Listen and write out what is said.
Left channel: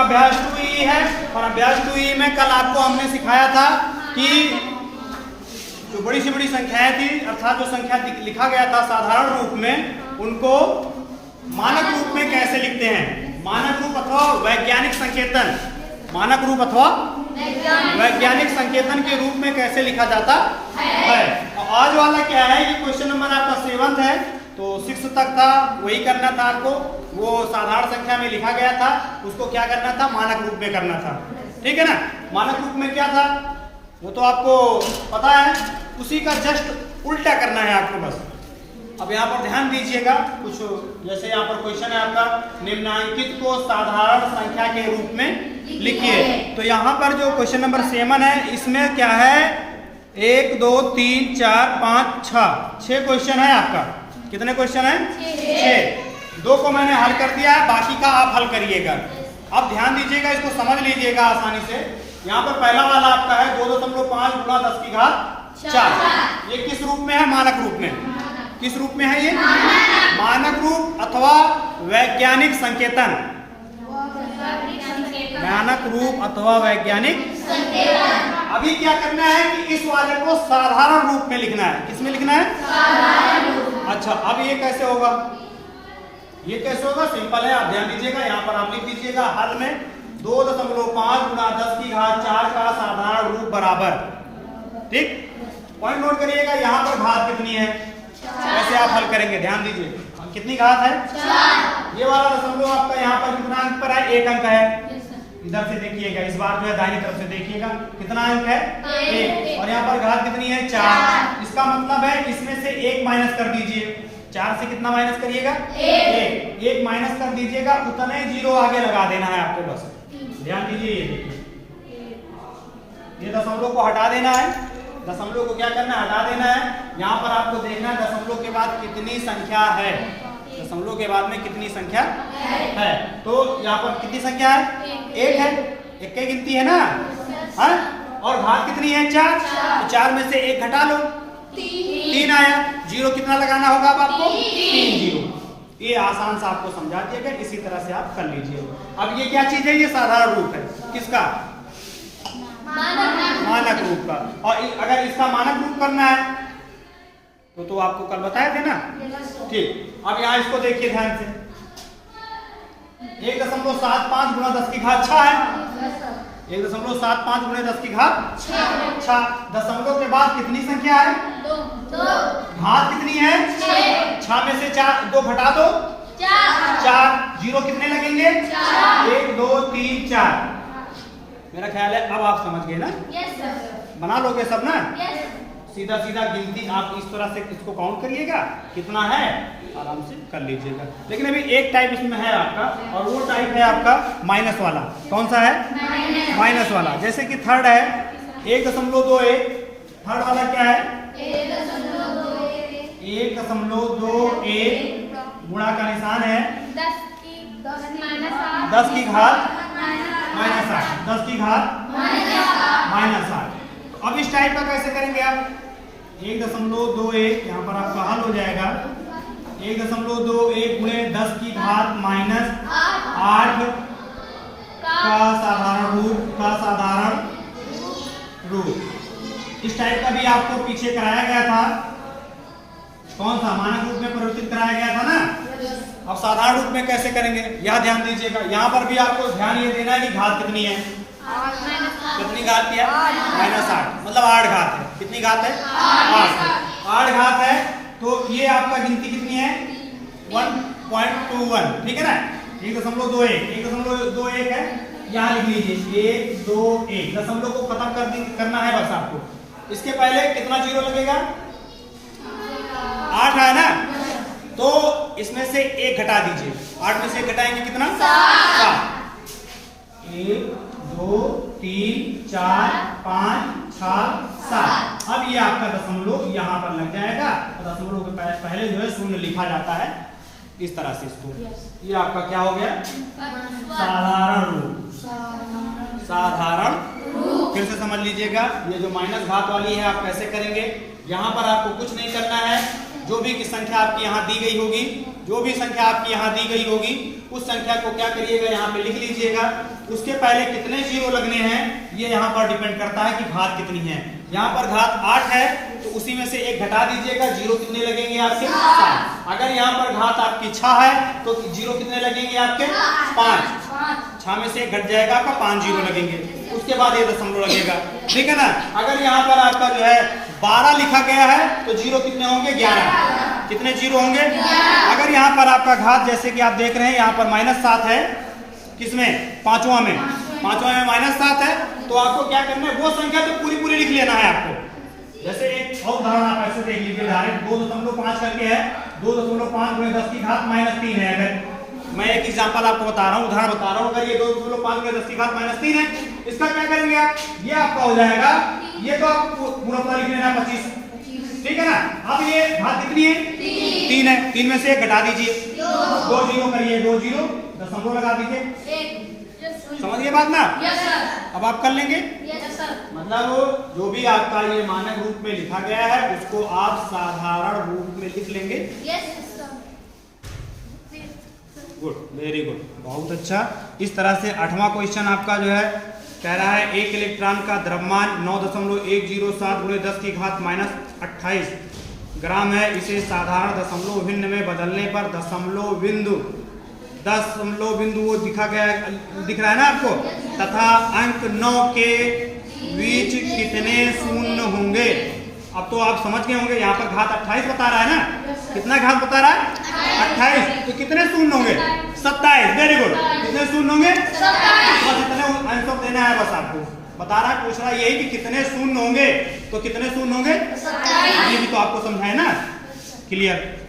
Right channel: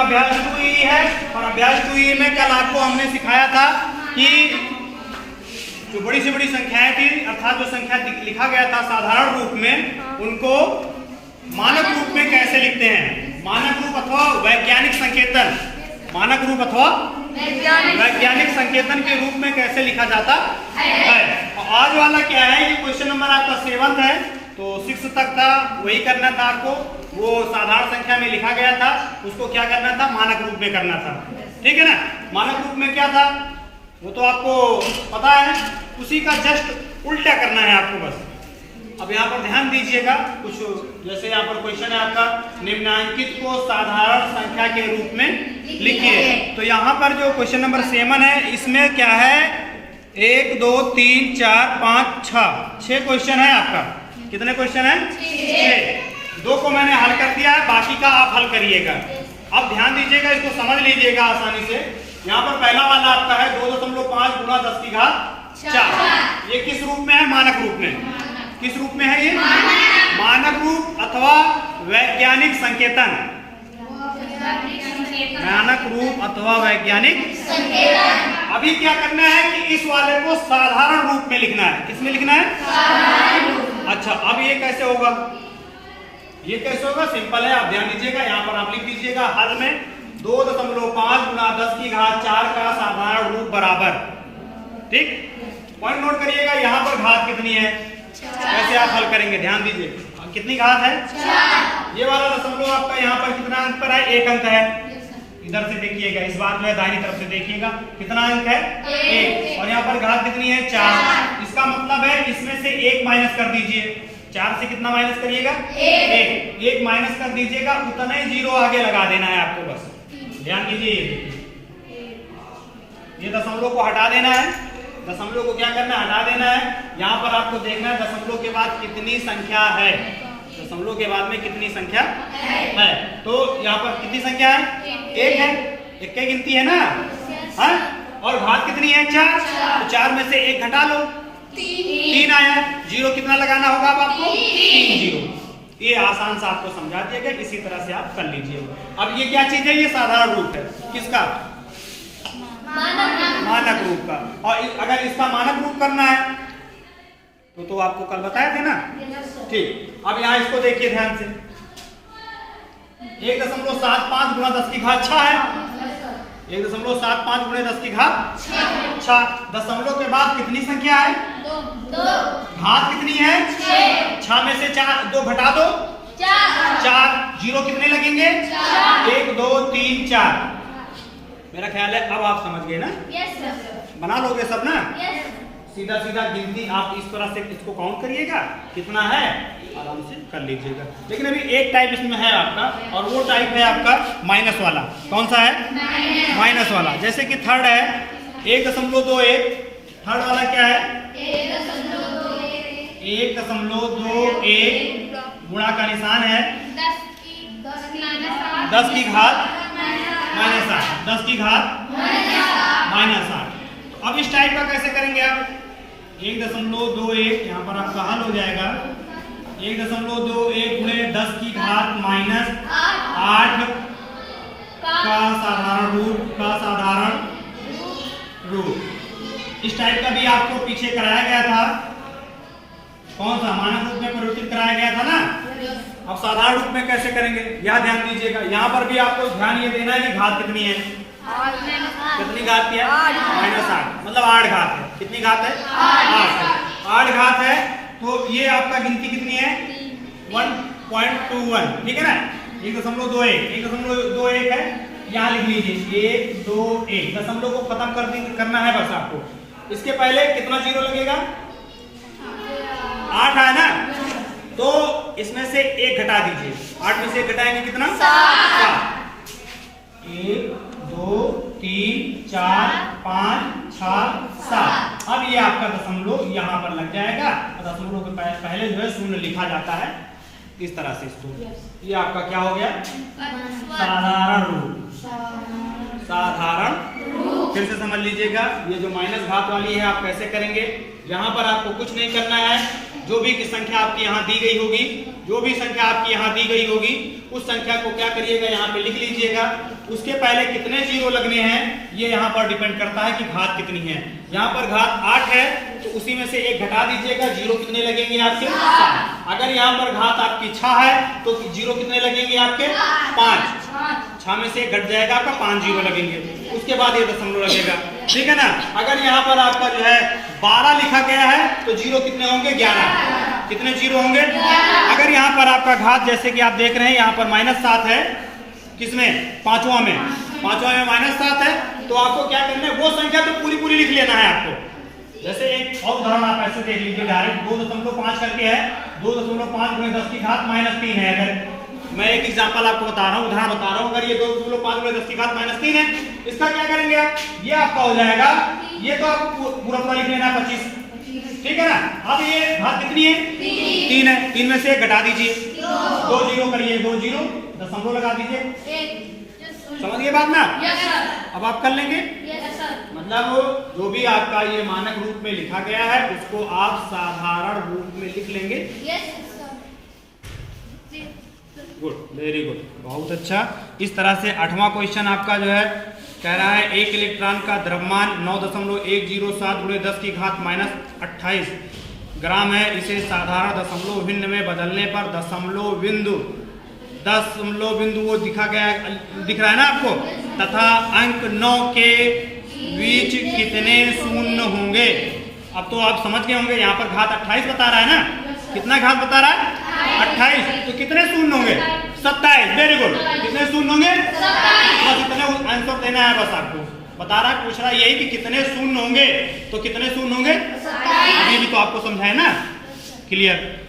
आपका अभ्यास 2E है। और अभ्यास 2E में कल आपको हमने सिखाया था कि जो बड़ी से बड़ी संख्याएं थी, अर्थात जो संख्या लिखा गया था साधारण रूप में, उनको मानक रूप में कैसे लिखते हैं। मानक रूप अथवा वैज्ञानिक संकेतन, मानक रूप अथवा वैज्ञानिक संकेतन के रूप में कैसे लिखा जाता है। और आज वाला क्या है, ये क्वेश्चन नंबर आपका 7 है, तो 6 तक था, वही करना था आपको। वो साधारण संख्या में लिखा गया था, उसको क्या करना था, मानक रूप में करना था। ठीक है ना। मानक रूप में क्या था वो तो आपको पता है, उसी का जस्ट उल्टा करना है आपको बस। अब यहाँ पर ध्यान दीजिएगा, कुछ जैसे यहाँ पर क्वेश्चन है आपका, निम्नांकित को साधारण संख्या के रूप में लिखिए। तो यहाँ पर जो क्वेश्चन नंबर 7 है, इसमें क्या है, 1 2 3 4 5 6 क्वेश्चन है आपका। कितने क्वेश्चन है? 6। 2 को मैंने हल कर दिया है, बाकी का आप हल करिएगा। अब ध्यान दीजिएगा, इसको समझ लीजिएगा आसानी से। यहाँ पर पहला वाला आपका है 2.5 गुणा 10 की घात 4। ये किस रूप में है? मानक रूप में। किस रूप में है ये? मानक रूप अथवा वैज्ञानिक संकेतन। मानक रूप अथवा वैज्ञानिक संकेतन। अभी क्या करना है कि इस वाले को साधारण रूप में लिखना है। किसमें लिखना है? साधारण रूप। अच्छा, अब ये कैसे होगा? ये कैसे होगा? सिंपल है, आप ध्यान दीजिएगा। यहाँ पर आप लिख दीजिएगा हल में 2.5 गुणा 10 की घात 4 का साधारण रूप बराबर। ठीक, पॉइंट नोट करिएगा। यहाँ पर घात कितनी है, कैसे आप हल करेंगे, ध्यान दीजिए। कितनी घात है? 4। ये वाला दशमलव आपका यहाँ पर कितना अंक पर है? 1 अंक है। इधर से देखिएगा, इस बार में दाहिनी तरफ से देखिएगा, कितना अंक है? 1। और यहाँ पर घात कितनी है? 4। इसका मतलब है इसमें से 1 माइनस कर दीजिए। 4 से कितना माइनस करिएगा? 1 माइनस कर दीजिएगा, उतना ही 0 आगे लगा देना है आपको बस। ध्यान दीजिए, ये देखिए, ये दशमलव को हटा देना है। दशमलव को क्या करना है? हटा देना है। यहाँ पर आपको देखना है दशमलव के बाद कितनी संख्या है। दशमलव के बाद में कितनी संख्या है। तो यहाँ पर कितनी संख्या है? 1 है। 1 की गिनती है ना, है? और घात कितनी है? 4। तो 4 में से 1 घटा लो, 3 आया। 0 कितना लगाना होगा अब आपको? 3 0। ये आसान सा आपको समझा दिया गया, इसी तरह से आप कर लीजिए। अब ये क्या चीज है? ये साधारण रूप है। किसका? मानक रूप का। और अगर इसका मानक रूप करना है तो आपको कल बताए थे ना। ठीक, अब यहाँ इसको देखिए ध्यान से। 1.75 गुणा 10 की घात 6 है। 1.75 गुणा 10 की घात 6। दशमलव के बाद कितनी संख्या है? 2। घात कितनी है? 6 में से 2 घटा दो, 4। 0 कितने लगेंगे? 1 2 3 4। मेरा ख्याल है अब आप समझ गए ना। Yes sir. बना लोगे सब ना? यस। सीधा सीधा गिनती आप इस तरह से इसको काउंट करिएगा, कितना है आराम से कर लीजिएगा। लेकिन अभी एक टाइप इसमें है आपका, और वो टाइप है आपका माइनस वाला। कौन सा है? माइनस वाला। जैसे कि थर्ड है 1.21। थर्ड वाला क्या है? 1.21 गुणा का निशान है 10 की घात -8। 10 की घात -8। तो अब इस टाइप का कैसे करेंगे आप? 1.21 यहाँ पर आपका हल हो जाएगा। 1.21 गुणे 10 की घात -8 का साधारण रूप। इस टाइप का भी आपको पीछे कराया गया था। कौन सा? मानक रूप में परिवर्तित कराया गया था ना। अब साधारण रूप में कैसे करेंगे, यह ध्यान दीजिएगा। यहाँ पर भी आपको ध्यान ये देना है कि घात कितनी है। कितनी घात की है? -8, मतलब 8 घात है। कितनी घात है? 8 घात है। तो ये आपका गिनती कितनी है? 1.21। ठीक है ना। 1.21 है, यहाँ लिख लीजिए 1 2 1। दशमलव को खत्म करना है बस आपको। इसके पहले कितना 0 लगेगा? 8 है ना, तो इसमें से 1 घटा दीजिए। 8 में से 1 घटाएंगे कितना? 7। 1 2 3 4 5 6 7। अब ये आपका दशमलव यहाँ पर लग जाएगा। दशमलव के पहले जो है शून्य लिखा जाता है इस तरह से। इसको ये आपका क्या हो गया? साधारण रूप। साधारण रूप। फिर से समझ लीजिएगा, ये जो माइनस घात वाली है आप कैसे करेंगे। यहाँ पर आपको कुछ नहीं करना है। जो भी संख्या आपकी यहाँ दी गई होगी, जो भी संख्या आपकी यहाँ दी गई होगी, उस संख्या को क्या करिएगा, यहाँ पे लिख लीजिएगा। उसके पहले कितने जीरो लगने हैं ये यहाँ पर डिपेंड करता है कि घात कितनी है। यहाँ पर घात 8 है तो उसी में से एक घटा दीजिएगा, जीरो कितने लगेंगे आपके 5। अगर यहाँ पर घात आपकी 6 है तो जीरो कितने लगेंगे आपके 5। 6 में से घट जाएगा आपका 5 जीरो लगेंगे, उसके बाद ये दशमलव लगेगा, ठीक है ना। अगर यहाँ पर आपका जो है 12 लिखा गया है तो जीरो कितने होंगे 11। कितने जीरो होंगे? अगर यहाँ पर आपका घात जैसे कि आप देख रहे हैं यहाँ पर -7 है, किसमें? पांचवा में -7 है तो आपको क्या करना है, वो संख्या तो पूरी पूरी लिख लेना है आपको। जैसे एक और उदाहरण आप ऐसे देख लीजिए, डायरेक्ट 2.5 करके है, 2.5 गुणे 10 की घात -3 है। अगर मैं एक एग्जांपल आपको बता रहा हूँ, उदाहरण बता रहा हूँ, अगर ये 2.5 गुणे 10 की घात -3 है, इसका क्या करेंगे आप, ये आपका हो जाएगा, ये तो आपको पूरा लिख लेना 25, ठीक है ना। अब ये घात कितनी है? 3 है, 3 में से घटा दीजिए, 2 जीरो करिए, 2 जीरो दशमलव लगा दीजिए, समझिए बात ना। अब आप कर लेंगे, मतलब जो भी आपका ये मानक रूप में लिखा गया है उसको आप साधारण रूप में लिख लेंगे। गुड, वेरी गुड, बहुत अच्छा। इस तरह से 8वां क्वेश्चन आपका जो है कह रहा है एक इलेक्ट्रॉन का द्रव्यमान 9.107 गुणे 10 की घात -28 ग्राम है। इसे साधारण दशमलव भिन्न में बदलने पर दशमलव बिंदु वो दिख रहा है ना आपको, तथा अंक 9 के बीच कितने शून्य होंगे। अब तो आप समझ गए होंगे, यहाँ पर घात 28 बता रहा है ना, कितना घात बता रहा है 28, तो कितने शून्य होंगे 27। वेरी गुड, कितने शून्य होंगे 27। बस इतने आंसर देना है, बस आपको बता रहा है, पूछ रहा है यही कि कितने शून्य होंगे, तो कितने शून्य होंगे, अभी भी तो आपको समझाए ना, क्लियर।